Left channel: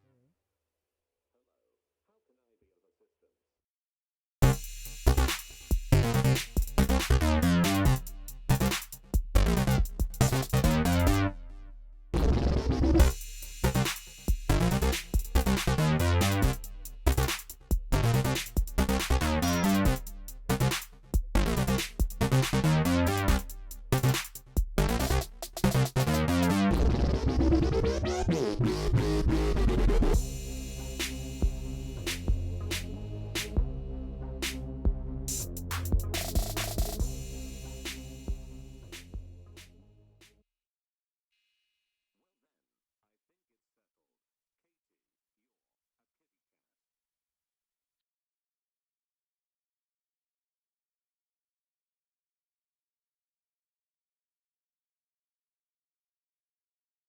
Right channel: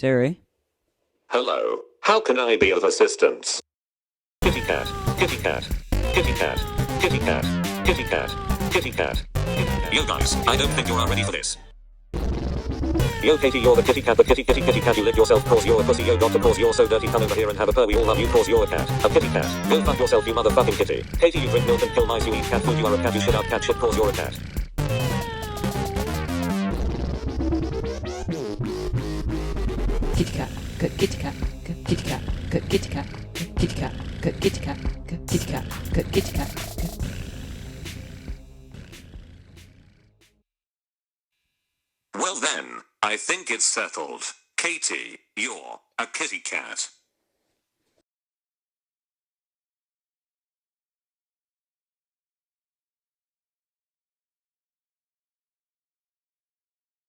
Siri. Hello. How can I be of assistance? Kitty cat, kitty cat, kitty cat, kitty cat, kitty cat, kitty cat. Yo guys, I don't think you are ready for this. Yo Katie, you're the kitty cat, the kitty kitty kitty cat, you lick yourself cause you're a pussy, yo got to cause you're so dirty, come over here and have a purr, we all love you cause you're a cat, a kitty cat, go fuck yourself you motherfucking kitty. Katie, you drink milk and kill mice, you eat cat food, you are a cat, you shit out cat shit cause you're a cat. Kitty cat, good kitty cat, good kitty cat, good kitty cat, kitty cat, good kitty cat, good kitty cat, good kitty cat. Well then, I think it's settled. Katie, you're a kitty cat.